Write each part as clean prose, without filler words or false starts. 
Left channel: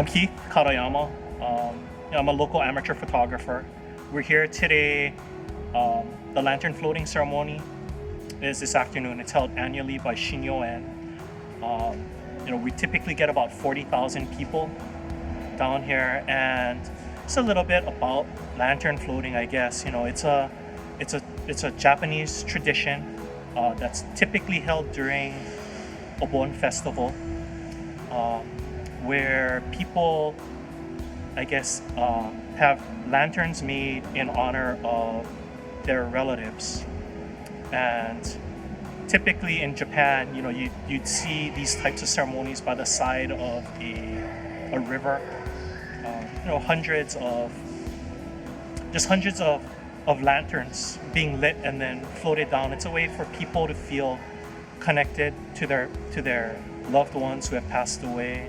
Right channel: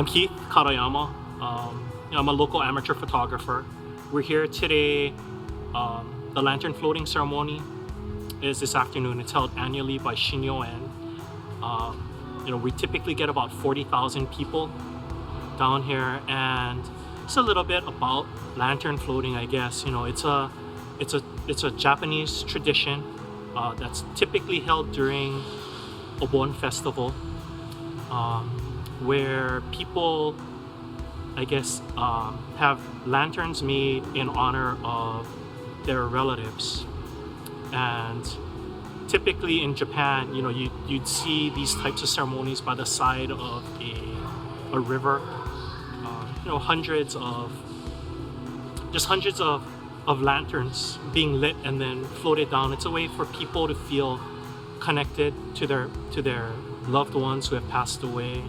I'm Keith Kadoyama. I'm a local amateur photographer. We're here today. The lantern floating ceremony is this afternoon. It's held annually by Shinn-yo En. We typically get about 40,000 people down here, and it's a little bit about lantern floating, I guess. It's a Japanese tradition that's typically held during a Obon festival, where people, I guess, have lanterns made in honor of their relatives. And typically in Japan, you'd see these types of ceremonies by the side of a river. Hundreds of lanterns being lit and then floated down. It's a way for people to feel connected to their loved ones who have passed away.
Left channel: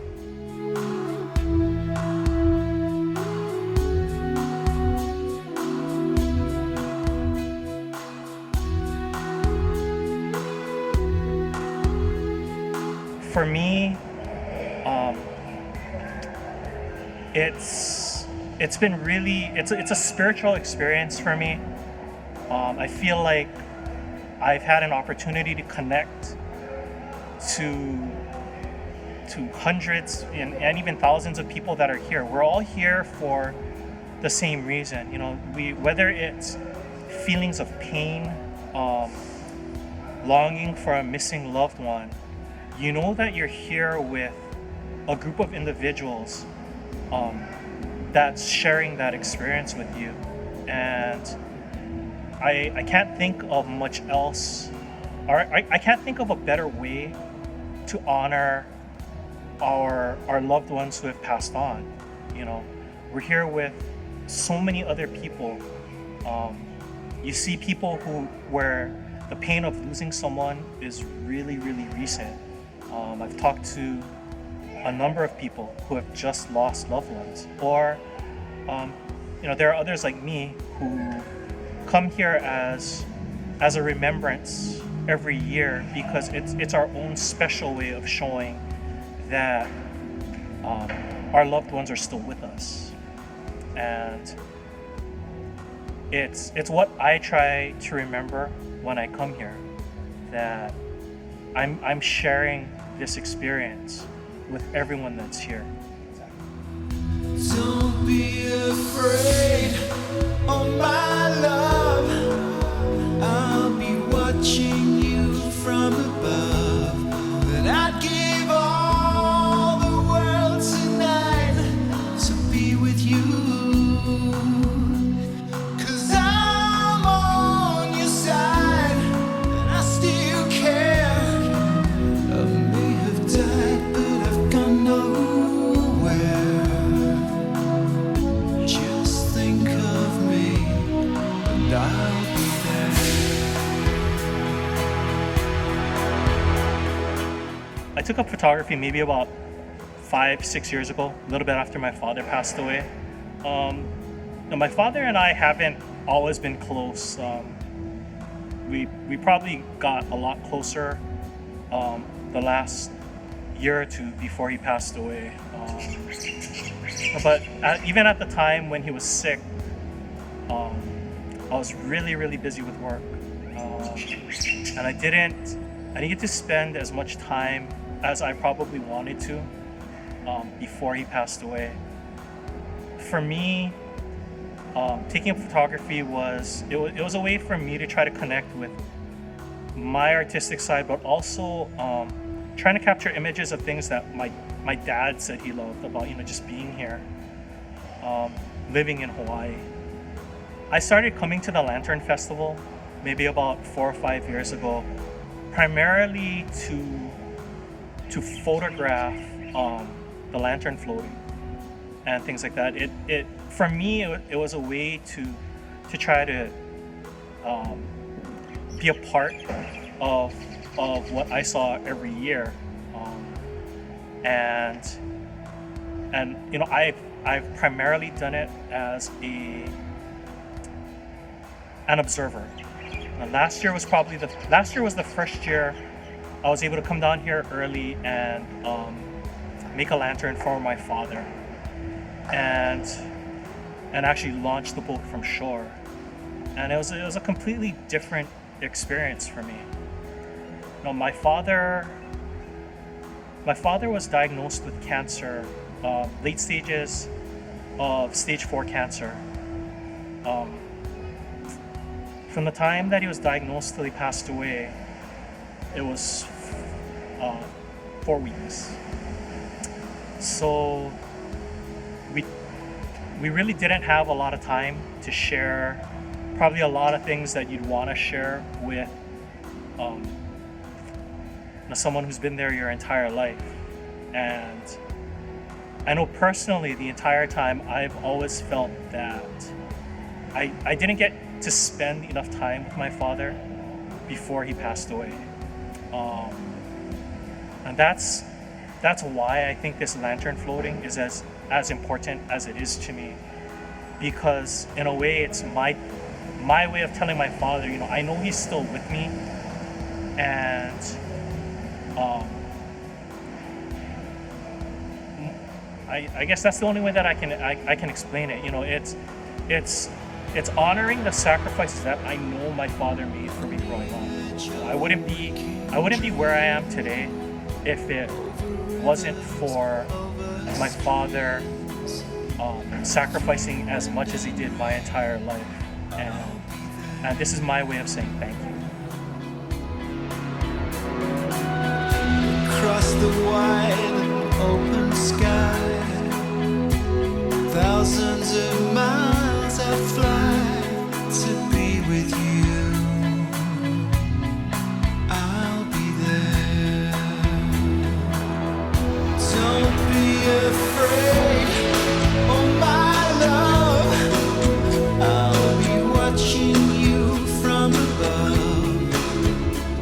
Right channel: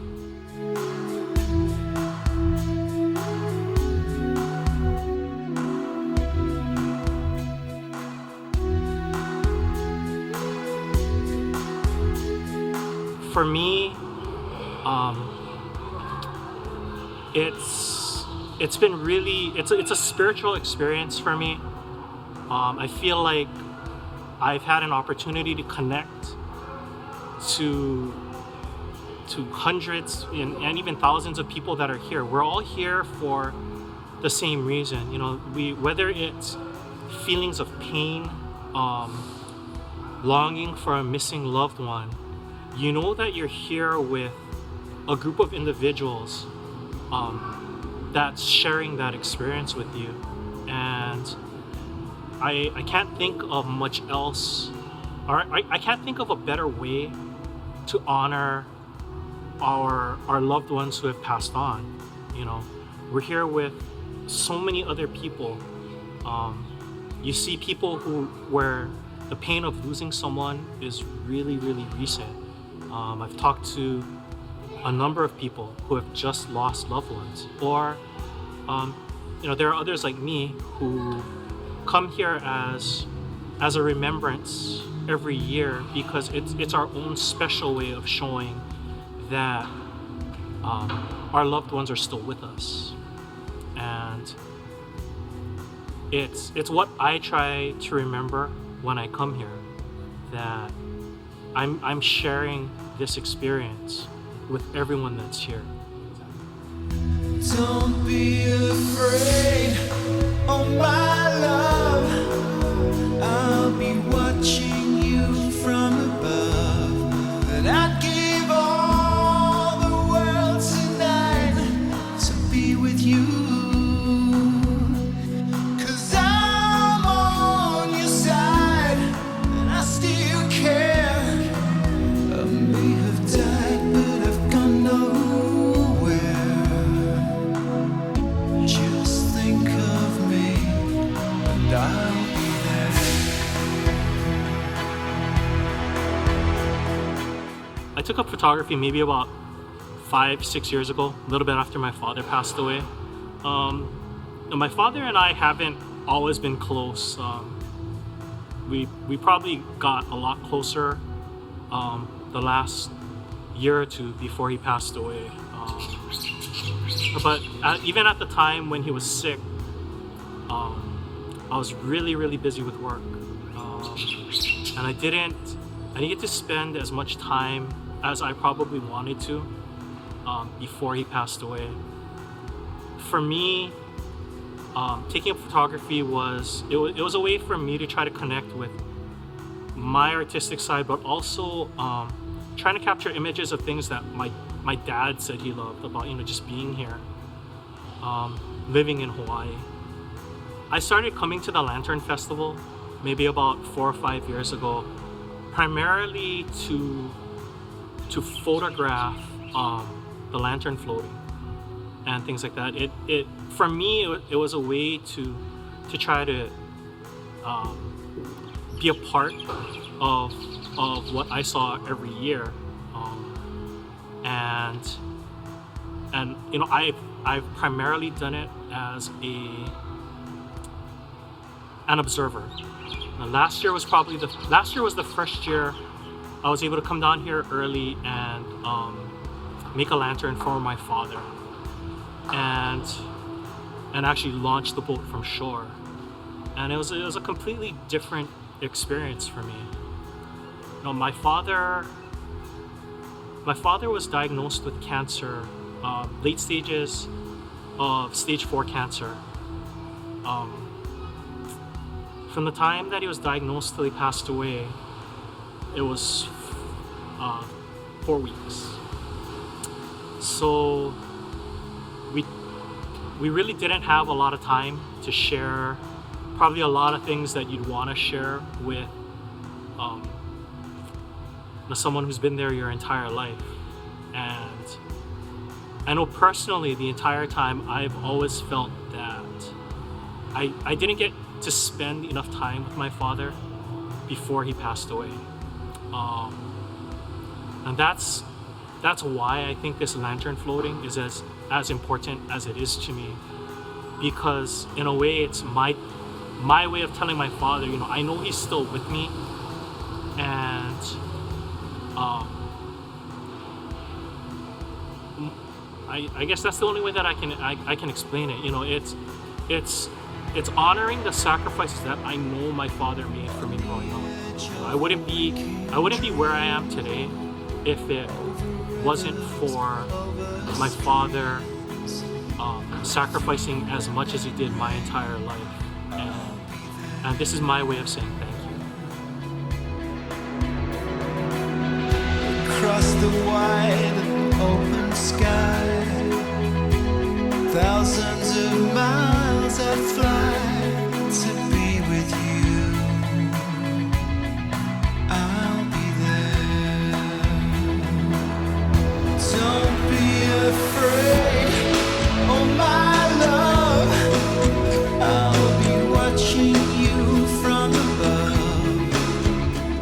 For me, it's been really it's a spiritual experience for me. I feel like I've had an opportunity to connect to hundreds and even thousands of people that are here. We're all here for the same reason. Whether it's feelings of pain, longing for a missing loved one, that you're here with a group of individuals that's sharing that experience with you. And I can't think of much else, or I can't think of a better way to honor our loved ones who have passed on. We're here with so many other people. You see people where the pain of losing someone is really, really recent. I've talked to a number of people who have just lost loved ones, or there are others like me who come here as a remembrance every year, because it's our own special way of showing that our loved ones are still with us. And it's what I try to remember when I come here, that I'm sharing this experience with everyone that's here. Don't be afraid, oh my love, I'll be watching you from above. That I'd give all the world tonight to be with you. 'Cause I'm on your side and I still care. I may have died, but I've gone nowhere. Just think of me and I'll be there. I took up photography maybe about 5-6 years ago, a little bit after my father passed away. My father and I haven't always been close. We probably got a lot closer the last year or two before he passed away. But even at the time when he was sick, I was really, really busy with work, and I didn't get to spend as much time as I probably wanted to before he passed away. For me, taking up photography was a way for me to try to connect with my artistic side, but also trying to capture images of things that my dad said he loved about, just being here, living in Hawaii. I started coming to the Lantern Festival maybe about 4 or 5 years ago, primarily to photograph the lantern floating and things like that. For me, it was a way to try to be a part of what I saw every year, and I've primarily done it as an observer. Last year was the first year I was able to come down here early and make a lantern for my father. and actually launch the boat from shore. And it was a completely different experience for me. You know, my father was diagnosed with cancer, late stages of stage 4 cancer. From the time that he was diagnosed till he passed away, it was 4 weeks. So we really didn't have a lot of time to share probably a lot of things that you'd want to share with someone who's been there your entire life. And I know personally, the entire time I've always felt that I didn't get to spend enough time with my father before he passed away. And that's why I think this lantern floating is as important as it is to me, because in a way it's my way of telling my father, you know, I know he's still with me, and I guess that's the only way that I can explain it. You know, it's honoring the sacrifices that I know my father made for me growing up. You know, I wouldn't be where I am today if it wasn't for my father sacrificing as much as he did my entire life. And this is my way of saying thank you. Across the wide and open sky, thousands of miles I fly to be with you. I'll be there. Don't be afraid, oh my love. I'll be watching you from above.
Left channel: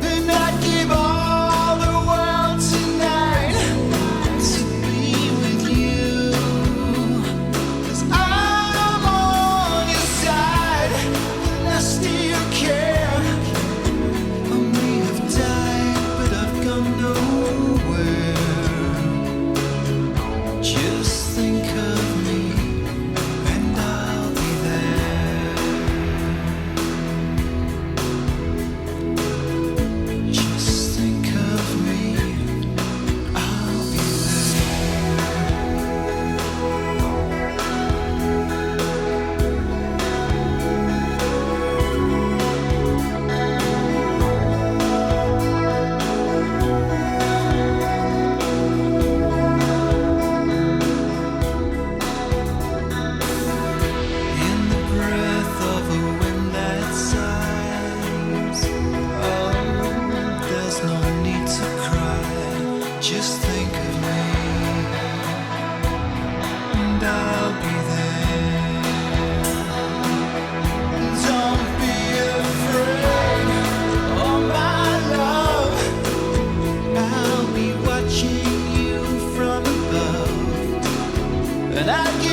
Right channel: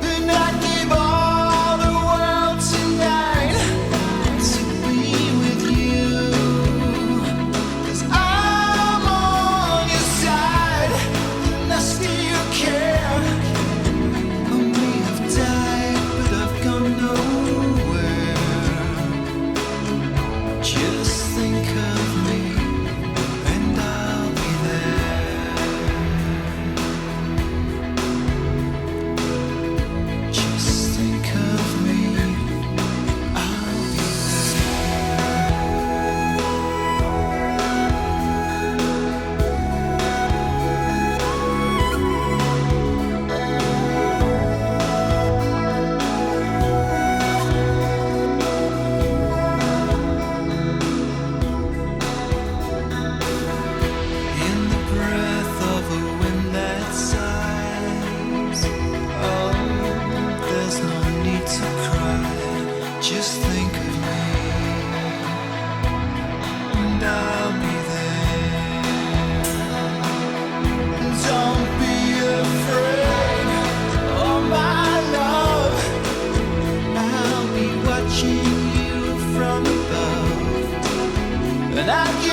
And I'd give all the world tonight to be with you. 'Cause I'm on your side and I still care. I may have died, but I've gone nowhere. Just think of me and I'll be there. Just think of me, I'll be in the breath of a wind that sighs. Oh, there's no need to cry. Just think of me, and I'll be there. Don't be afraid, oh my love. I'll be watching you from above, and I'll give